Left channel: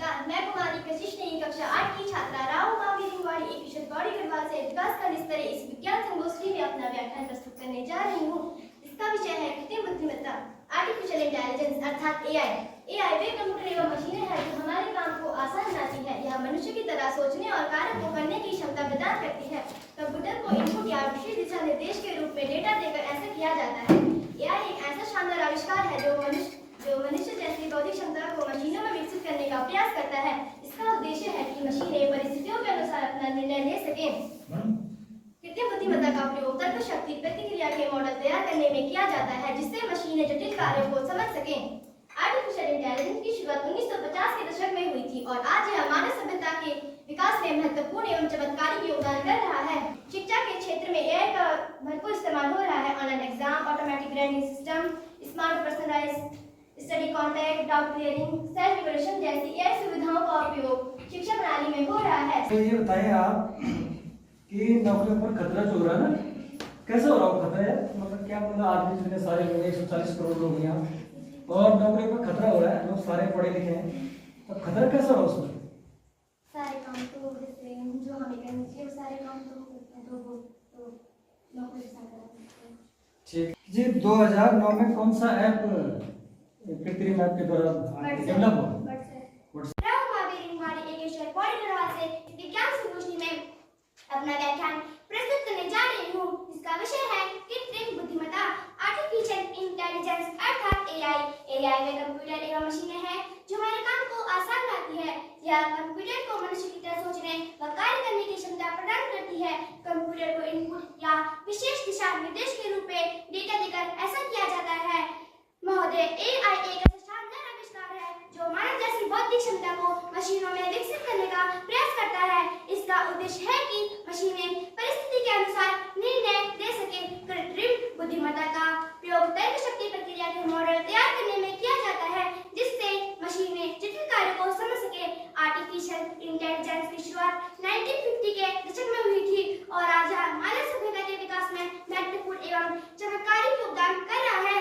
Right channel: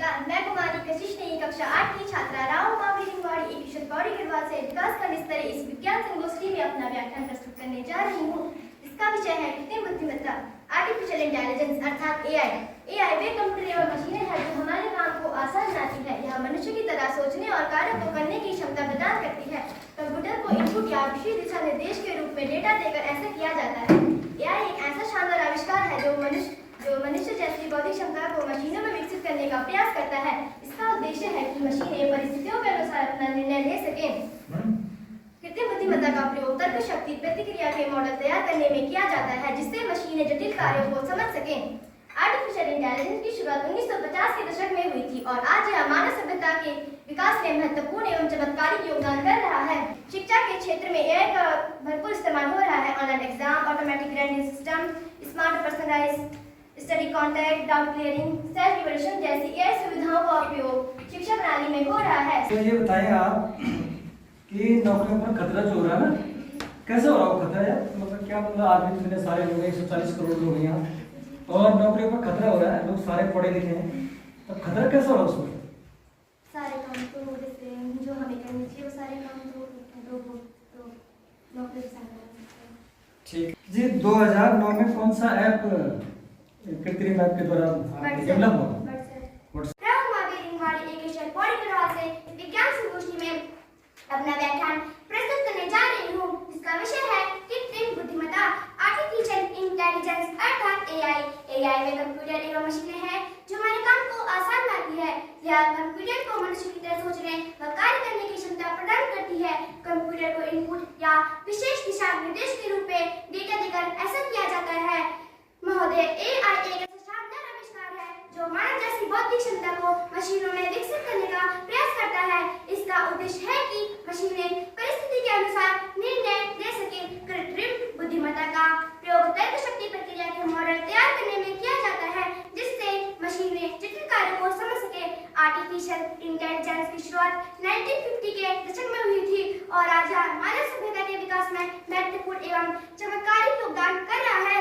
नमस्कार, मैं कुमारी कशिश नई कक्षा 8 की छात्रा राव मावी रिंगवाड़ी एक किशोर पौड़ी गढ़वाल से विकास का स्तरीय इस विज्ञान संगोष्ठी में अपना व्याख्यान प्रस्तुत करने जा रही हूँ, जिसका विषय है कृत्रिम बुद्धिमत्ता, आर्टिफिशियल इंटेलिजेंस अर्थात एआई। एआई वे कंप्यूटर एवं मशीनें हैं जो हमारे काम को आसान बनाती है। यह मनुष्य की तरह सोचने और कार्य को करने की क्षमता प्रदान करती है। कंप्यूटर को इनपुट या विशेष दिशा निर्देश के रूप में डेटा देकर ऐसा किया जाता है। एआई एक ऐसा शानदार आविष्कार है जो मनुष्य जैसी बौद्धिक क्षमता को मशीनों में विकसित करने का प्रयास करता है। इसका उद्देश्य है कि मशीनें परिस्थितियों के अनुसार अपना निर्णय ले सकें। कृत्रिम बुद्धिमत्ता का प्रयोग तर्क शक्ति प्रतिक्रिया के मॉडल तैयार करने में किया जाता है, जिससे मशीनें जटिल कार्यों को समझ सकें। आर्टिफिशियल इंटेलिजेंस की शुरुआत 1950 के दशक में हुई थी और आज यह मानव सभ्यता के विकास में महत्वपूर्ण एवं चमत्कारिक योगदान कर रहा है। शिक्षा के क्षेत्र में एआई का भरपूर इस्तेमाल हो रहा है। Online exam, automatic grading system, smart personalised study contact, doubt clearing, self evaluation जैसी एआई सुविधाओं का उपयोग शिक्षा प्रणाली में हो रहा है। तो ये बताएं आप कि नौकरियों पर खतरा जो हो रहा है ना, कैसे हो रहा है खतरा है? मतलब क्या, मतलब आदमी इतने सारे लोग हैं, 140 करोड़ लोग हैं यहाँ, और नौकरियों पर खतरा हो रहा है, लोग सारे पढ़े लिखे हैं, तो खतरा कैसे हो रहा है उसमें? सारे काम तो जैसे जो हमें करने चाहिए वो सारे काम तो नौकरी ठीक जी। 2009 में कौन सा ऐप कृत्रिम ऐप के द्वारा डेवलप हुआ? अपना व्याख्यान प्रस्तुत करने जा रही हूँ, जिसका विषय है कृत्रिम बुद्धिमत्ता, आर्टिफिशियल इंटेलिजेंस अर्थात एआई। एआई में कंप्यूटर एवं मशीनें हैं जो हमारे काम को आसान बनाती है। यह कंप्यूटर को मनुष्य की तरह सोचने व कार्य करने की क्षमता प्रदान करती है। कंप्यूटर को इनपुट या विशेष दिशा निर्देश के रूप में डेटा देकर ऐसा किया जाता है। महोदय, एआई एक ऐसा शानदार आविष्कार है जो मानव जैसी बौद्धिक क्षमता को मशीनों में विकसित करने का प्रयास करता है। इसका उद्देश्य है कि मशीनें परिस्थिति के अनुसार निर्णय ले सकें। कृत्रिम बुद्धिमत्ता का प्रयोग तर्क शक्ति प्रक्रिया के मॉडल तैयार करने में किया जाता है, जिससे मशीनें जटिल कार्यों को समझ सके। आर्टिफिशियल इंटेलिजेंस की शुरुआत 1950 के दशक में हुई थी और आज यह मानव सभ्यता के विकास में महत्वपूर्ण एवं चमत्कारिक योगदान कर रहा है।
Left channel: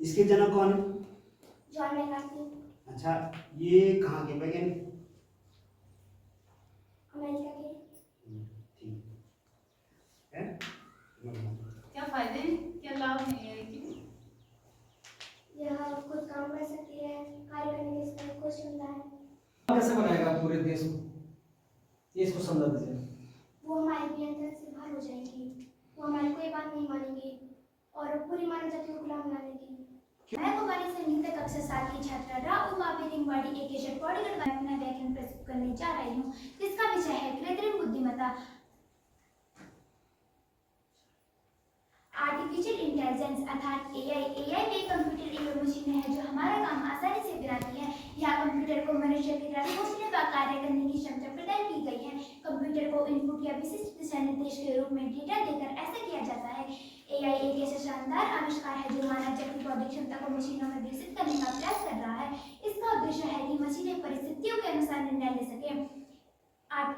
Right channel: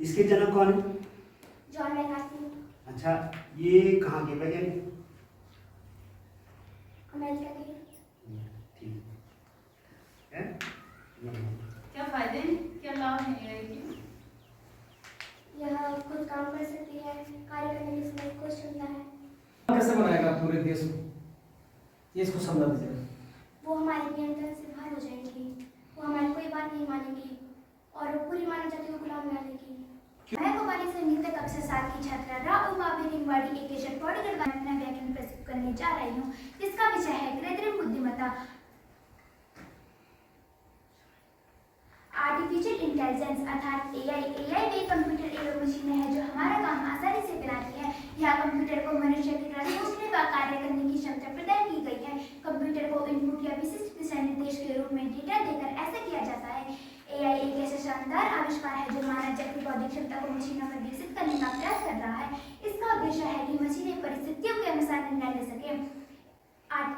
इसके जनक कौन है? John McCarthy. अच्छा, ये कहाँ के वैज्ञानिक? अमेरिका के। ठीक है। क्या फायदे, क्या लाभ है एआई के? यह खुद काम कर सकती है, कार्य करने की इसमें कुछ क्षमता है। कैसे बनाएगा पूरे देश में, ये इसको समझा दीजिए। वो हमारे नियंत्रण से बाहर हो जाएंगी, वो हमारी कोई बात नहीं मानेंगी और पूरी मानव जाति को गुलाम बना देगी। मैं कुमारी संगीत कक्षा 7 की छात्रा राव मावी रिंगवाड़ी एक किशोर पौड़ी गढ़वाल में अपना व्याख्यान प्रस्तुत करने जा रही हूँ, जिसका विषय है कृत्रिम बुद्धिमत्ता, आर्टिफिशियल इंटेलिजेंस अर्थात एआई। एआई वे कंप्यूटर एवं मशीनें हैं जो हमारा काम आसानी से बनाती है। यह कंप्यूटर को मनुष्य की तरह सोचने व कार्य करने की क्षमता प्रदान की गई है। कंप्यूटर को इनपुट या विशिष्ट दिशा निर्देश के रूप में डेटा देकर ऐसा किया जाता है। एआई एक ऐसा शानदार आविष्कार है जो मानव जैसी बौद्धिक क्षमता को मशीनों में विकसित करने का प्रयास कर रहा है। इसका उद्देश्य है कि मशीनें परिस्थितियों के अनुसार निर्णय ले सकें।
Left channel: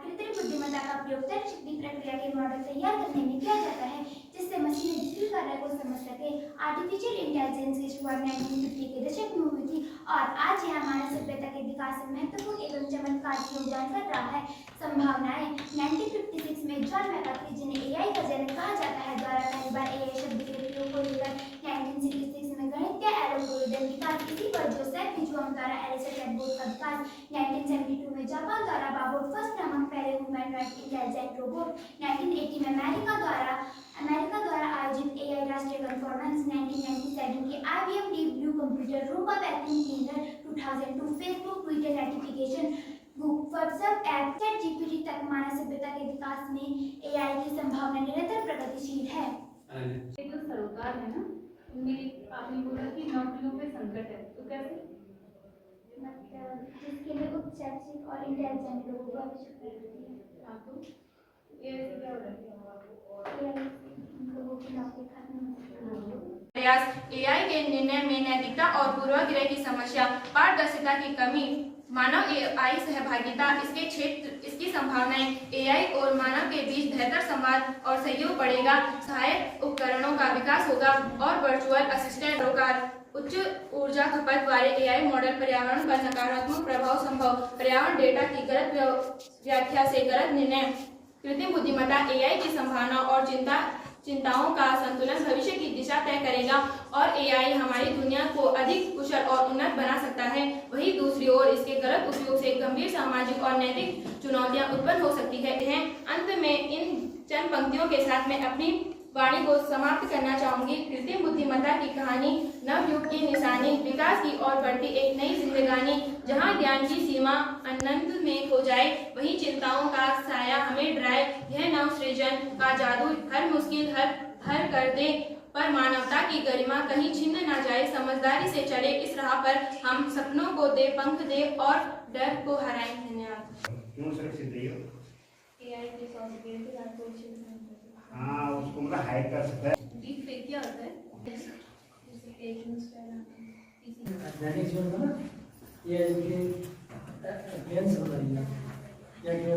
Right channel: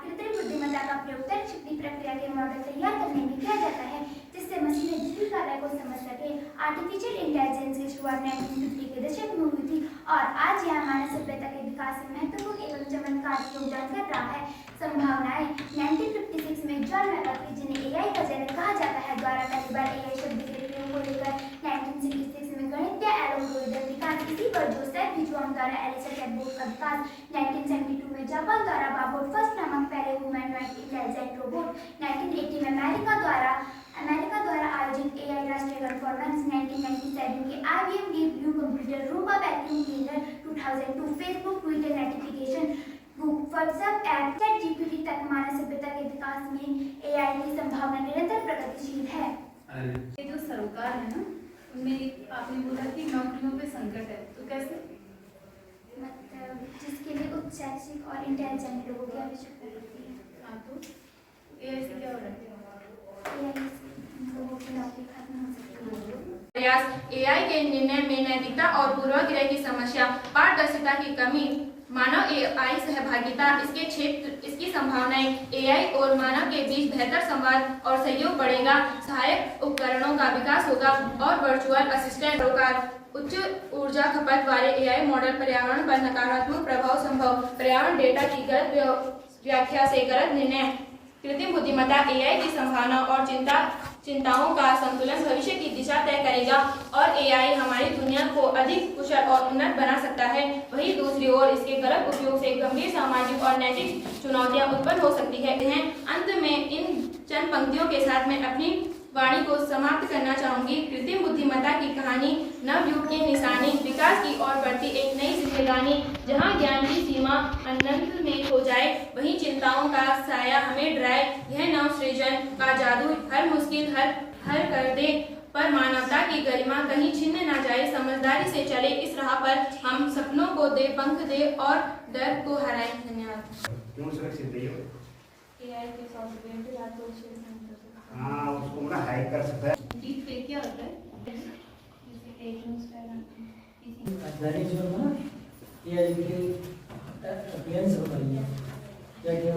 कृत्रिम बुद्धिमत्ता का प्रयोग तर्क शक्ति प्रक्रिया के मॉडल तैयार करने में किया जाता है, जिससे मशीनें जटिल कार्य को समझ सके। आर्टिफिशियल इंटेलिजेंस की शुरुआत 1950 के दशक में हुई थी और आज यह मानव सभ्यता के विकास में महत्वपूर्ण एवं चमत्कारिक योगदान कर रहा है। संभावनाएं 1956 में जॉन मैकार्थी, जिन्हें एआई का जनक कहा जाता है, द्वारा पहली बार एआई शब्द के प्रयोग को लेकर 1966 में गणितीय एल्गोरिदम विकास, इसी पर जोसेफ हिजुआंग द्वारा एलिसा चैटबॉट का विकास, 1972 में जापान द्वारा बाबोट फर्स्ट नामक पहले ह्यूमैनॉइड इंटेलिजेंट रोबोट, 1980 में अमेरिका द्वारा आयोजित एआई राष्ट्रीय कॉन्फ्रेंस, 1997 के IBM deep blue computer, Roomba vacuum cleaner, 2002 Facebook, Twitter notification, WhatsApp app, ChatGPT तक मानव सभ्यता के विकास में एआई की संभावना निरंतर प्रगतिशील है। ये जो सरोकार है ना, उनमें आपने बोला कि नौकरियों पे संकट है, तो कैसे? मतलब जिसके लिए उच्च शैक्षिक और इंटेलिजेंट लोगों की आवश्यकता होती है। हाँ, तो एआई से क्या हो रहा है? एआई से लोगों की नौकरी खत्म हो सकती है। प्रयास एआई के निर्णय में नैतिकता और पूर्वाग्रह की समस्या, पारदर्शिता की कमी, मानव एआई सहभागिता, इसकी संभावनाएं, एआई और मानव के बीच बेहतर संवाद और सहयोग बढ़ेगा, सहायक उपकरणों का विकास होगा और वर्चुअल असिस्टेंट उच्च ऊर्जा खपत वाले एआई मॉडल पर्यावरण पर नकारात्मक प्रभाव संभव, पर्यावरण डेटा की गलत व्याख्या से गलत निर्णय, कृत्रिम बुद्धिमत्ता एआई की संभावना और चिंताओं का संतुलन भविष्य की दिशा तय करेगा और एआई हमारी दुनिया को अधिक कुशल और उन्नत बना सकता है। वहीं दूसरी ओर इसके गलत उपयोग से गंभीर सामाजिक और नैतिक चुनौतियां उत्पन्न हो सकती है। अंत में इन चंद पंक्तियों के साथ मैं अपनी वाणी को समाप्त करना चाहूंगी। कृत्रिम बुद्धिमत्ता की कहानी नवयुग की निशानी, विकास की ओर बढ़ती एक नई जिंदगानी, जहां ज्ञान की सीमा अनंत में खो जाए, वहीं चिंताओं का साया हमें डराए। यह नव सृजन का जादू हर मुश्किल हल कर दे, पर मानवता की गरिमा कहीं छिन्न ना जाए। समझदारी से चले इस राह पर, हम सपनों को दे पंख दे और डर को हराएं। धन्यवाद। क्यों सुरक्षित रही हो? एआई के सॉफ्टवेयर के साथ कोई शेयर नहीं कर सकता। हाँ, उसको मतलब हैक कर सकता है। डीप फेक क्या होता है? जैसे फेक न्यूज़ फैलाना। दैनिक जीवन में ना ये अपीयरेंस होता है क्या क्या